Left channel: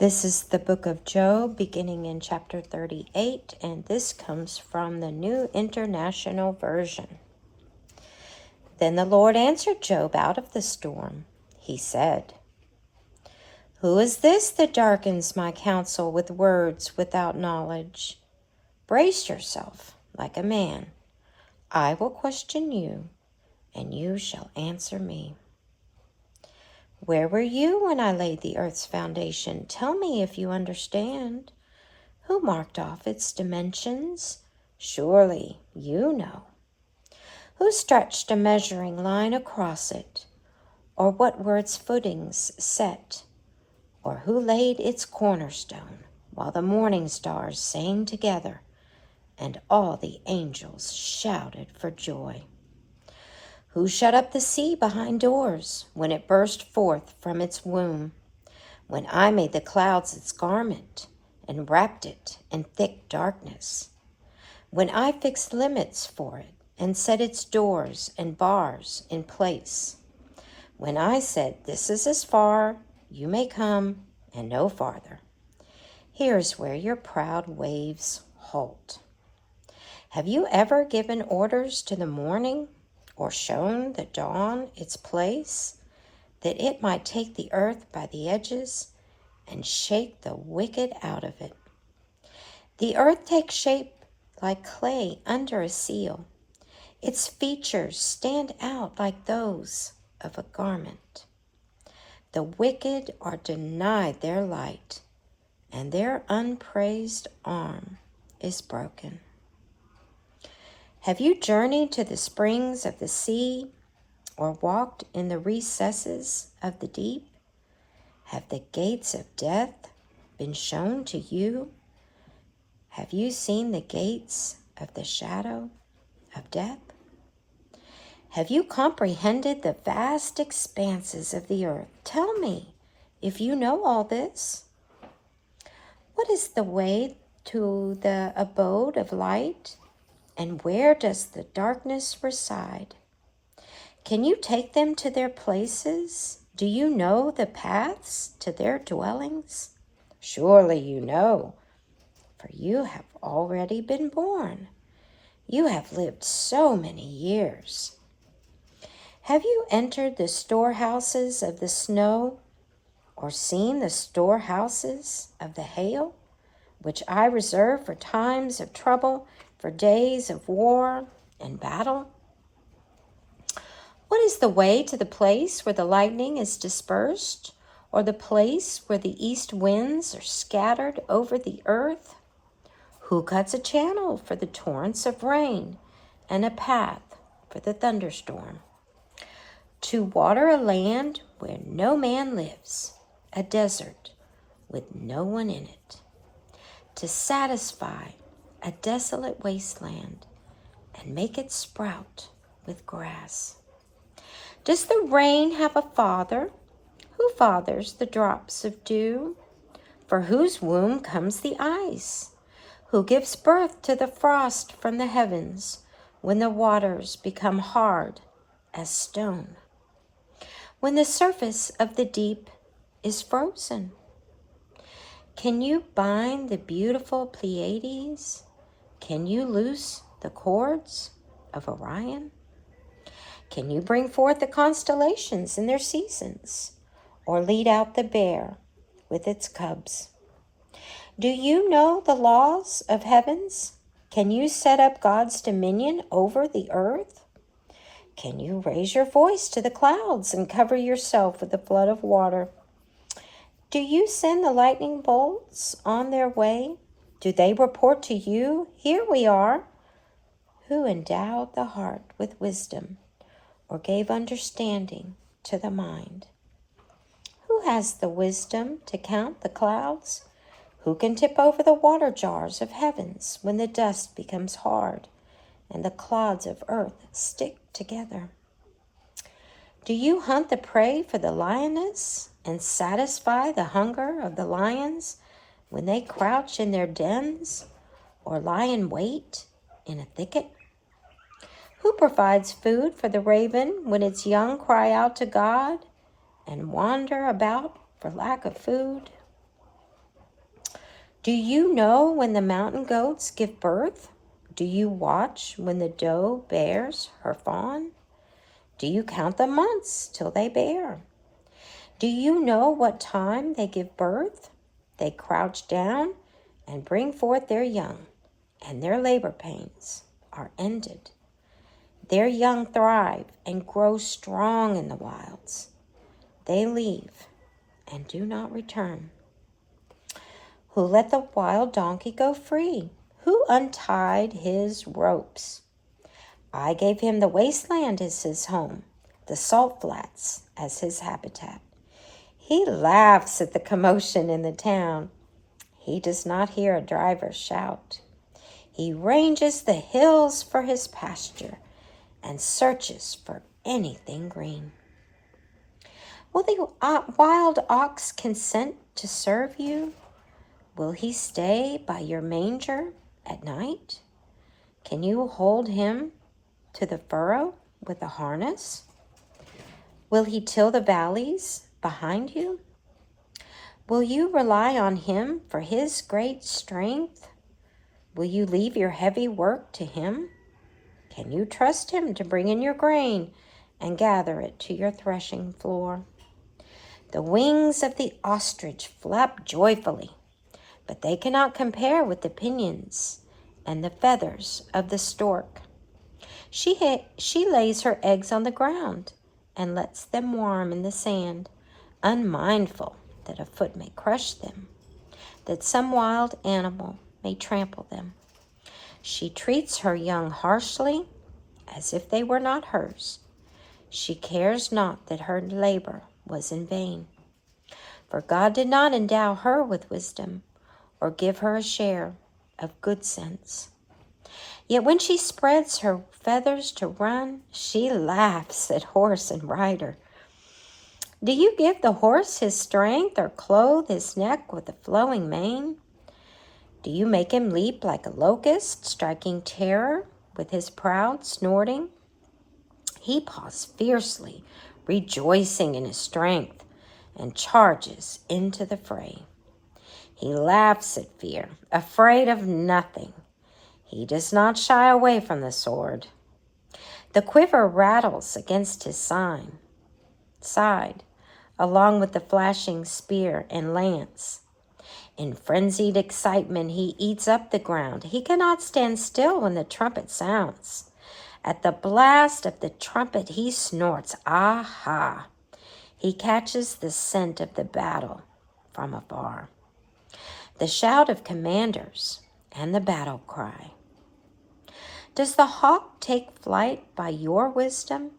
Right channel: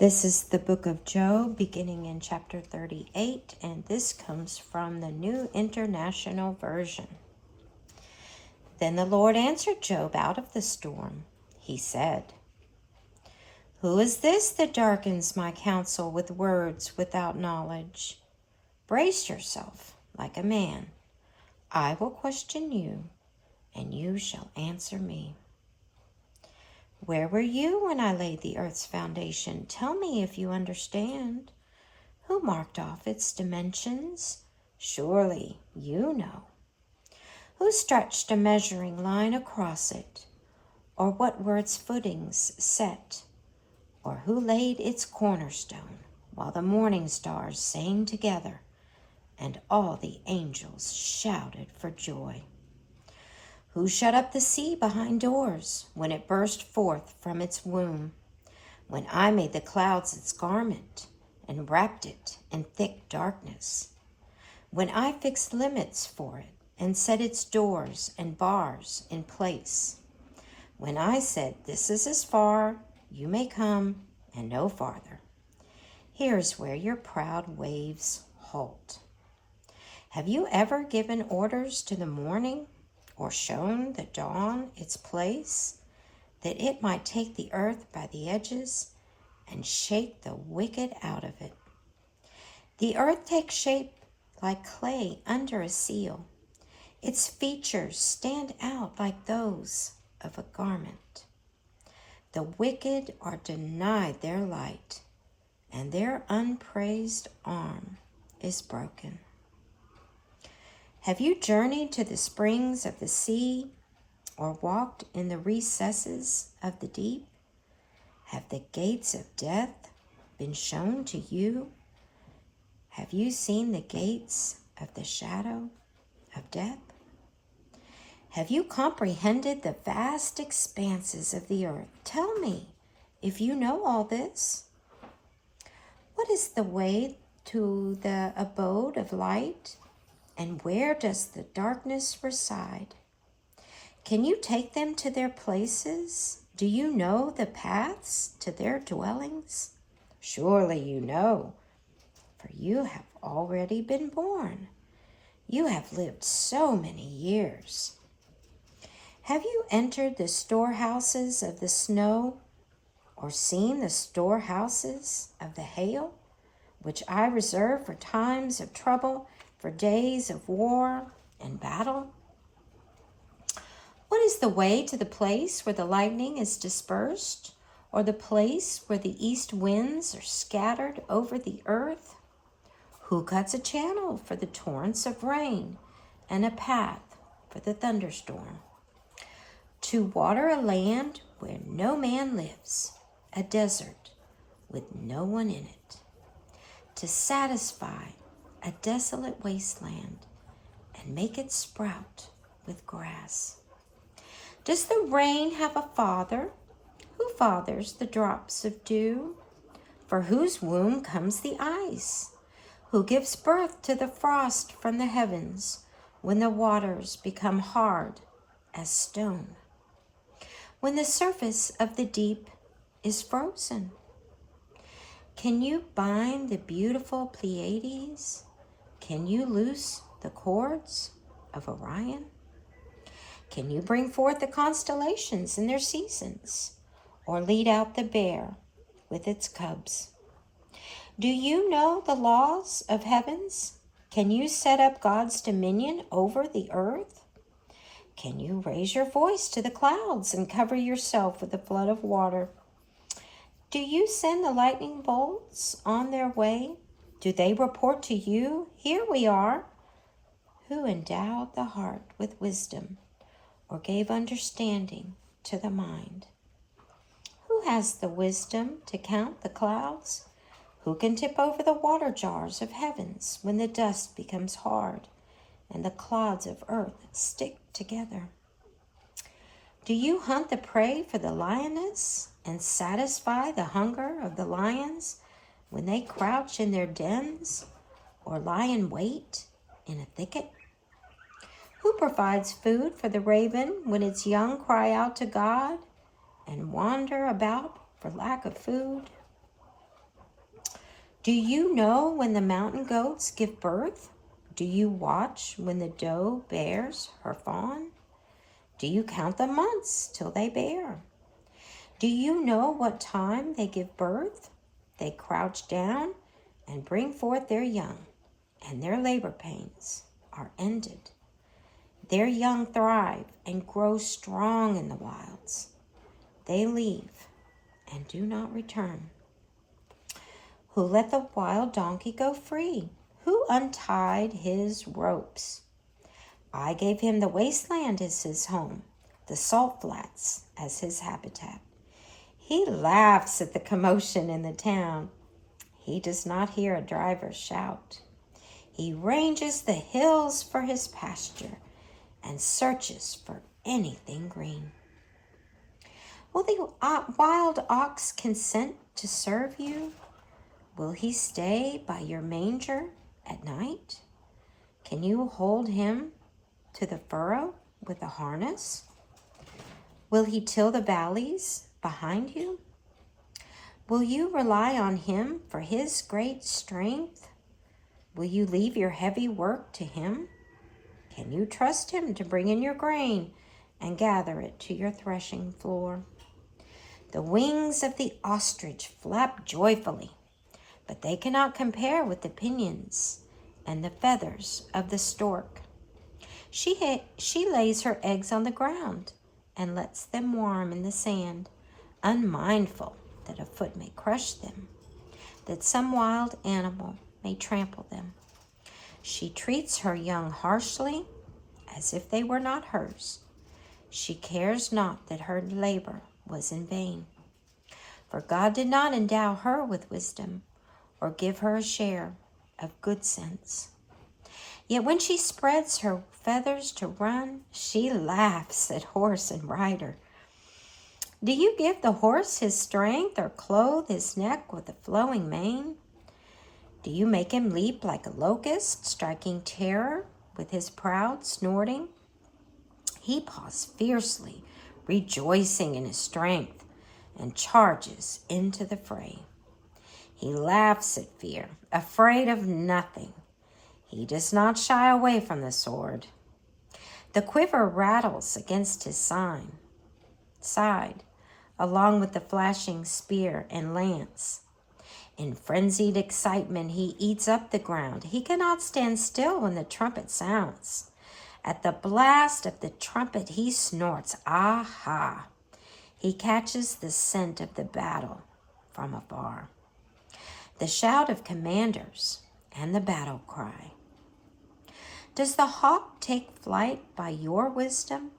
This is the book of Job, beginning in chapter 38, and this comes from the New International Version. Then the Lord answered Job out of the storm. He said, "Who is this that darkens my counsel with words without knowledge? Brace yourself like a man. I will question you, and you shall answer me. Where were you when I laid the earth's foundation? Tell me if you understand. Who marked off its dimensions? Surely you know. Who stretched a measuring line across it? Or what were its footings set? Or who laid its cornerstone while the morning stars sang together and all the angels shouted for joy? Who shut up the sea behind doors when it burst forth from its womb? When I made the clouds its garment and wrapped it in thick darkness? When I fixed limits for it and set its doors and bars in place? When I said, this is as far, you may come, and no farther. Here's where your proud waves halt. Have you ever given orders to the morning, or shown the dawn its place, that it might take the earth by the edges and shake the wicked out of it? The earth takes shape like clay under a seal. Its features stand out like those of a garment. The wicked are denied their light, and their unpraised arm is broken. Have you journeyed to the springs of the sea, or walked in the recesses of the deep? Have the gates of death been shown to you? Have you seen the gates of the shadow of death? Have you comprehended the vast expanses of the earth? Tell me if you know all this. What is the way to the abode of light? And where does the darkness reside? Can you take them to their places? Do you know the paths to their dwellings? Surely you know, for you have already been born. You have lived so many years. Have you entered the storehouses of the snow, or seen the storehouses of the hail, which I reserve for times of trouble, for days of war and battle? What is the way to the place where the lightning is dispersed, or the place where the east winds are scattered over the earth? Who cuts a channel for the torrents of rain, and a path for the thunderstorm? To water a land where no man lives, a desert with no one in it. To satisfy a desolate wasteland and make it sprout with grass. Does the rain have a father? Who fathers the drops of dew? For whose womb comes the ice? Who gives birth to the frost from the heavens when the waters become hard as stone? When the surface of the deep is frozen? Can you bind the beautiful Pleiades? Can you loose the cords of Orion? Can you bring forth the constellations in their seasons, or lead out the bear with its cubs? Do you know the laws of heavens? Can you set up God's dominion over the earth? Can you raise your voice to the clouds and cover yourself with a flood of water? Do you send the lightning bolts on their way? Do they report to you, here we are? Who endowed the heart with wisdom, or gave understanding to the mind? Who has the wisdom to count the clouds? Who can tip over the water jars of heavens when the dust becomes hard and the clods of earth stick together? Do you hunt the prey for the lioness and satisfy the hunger of the lions when they crouch in their dens or lie in wait in a thicket? Who provides food for the raven when its young cry out to God and wander about for lack of food? Do you know when the mountain goats give birth? Do you watch when the doe bears her fawn? Do you count the months till they bear? Do you know what time they give birth? They crouch down and bring forth their young, and their labor pains are ended. Their young thrive and grow strong in the wilds. They leave and do not return. Who let the wild donkey go free? Who untied his ropes? I gave him the wasteland as his home, the salt flats as his habitat. He laughs at the commotion in the town. He does not hear a driver shout. He ranges the hills for his pasture and searches for anything green. Will the wild ox consent to serve you? Will he stay by your manger at night? Can you hold him to the furrow with a harness? Will he till the valleys behind you? Will you rely on him for his great strength? Will you leave your heavy work to him? Can you trust him to bring in your grain and gather it to your threshing floor? The wings of the ostrich flap joyfully, but they cannot compare with the pinions and the feathers of the stork. She lays her eggs on the ground and lets them warm in the sand, unmindful that a foot may crush them, that some wild animal may trample them. She treats her young harshly, as if they were not hers. She cares not that her labor was in vain, for God did not endow her with wisdom or give her a share of good sense. Yet when she spreads her feathers to run, she laughs at horse and rider. Do you give the horse his strength or clothe his neck with a flowing mane? Do you make him leap like a locust, striking terror with his proud snorting? He paws fiercely, rejoicing in his strength, and charges into the fray. He laughs at fear, afraid of nothing. He does not shy away from the sword. The quiver rattles against his side, along with the flashing spear and lance. In frenzied excitement, he eats up the ground. He cannot stand still when the trumpet sounds. At the blast of the trumpet, he snorts, aha! He catches the scent of the battle from afar, the shout of commanders and the battle cry. Does the hawk take flight by your wisdom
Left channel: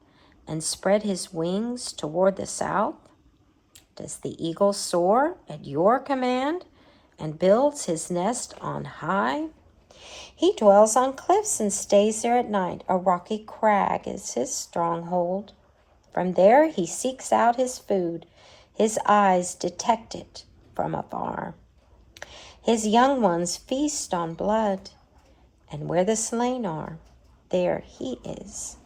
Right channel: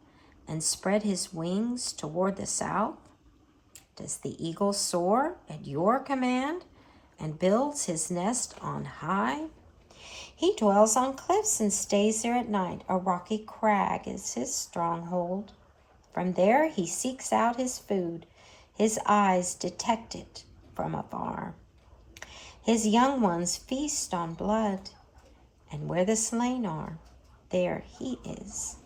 and spread his wings toward the south? Does the eagle soar at your command and builds his nest on high? He dwells on cliffs and stays there at night. A rocky crag is his stronghold. From there he seeks out his food. His eyes detect it from afar. His young ones feast on blood, and where the slain are, there he is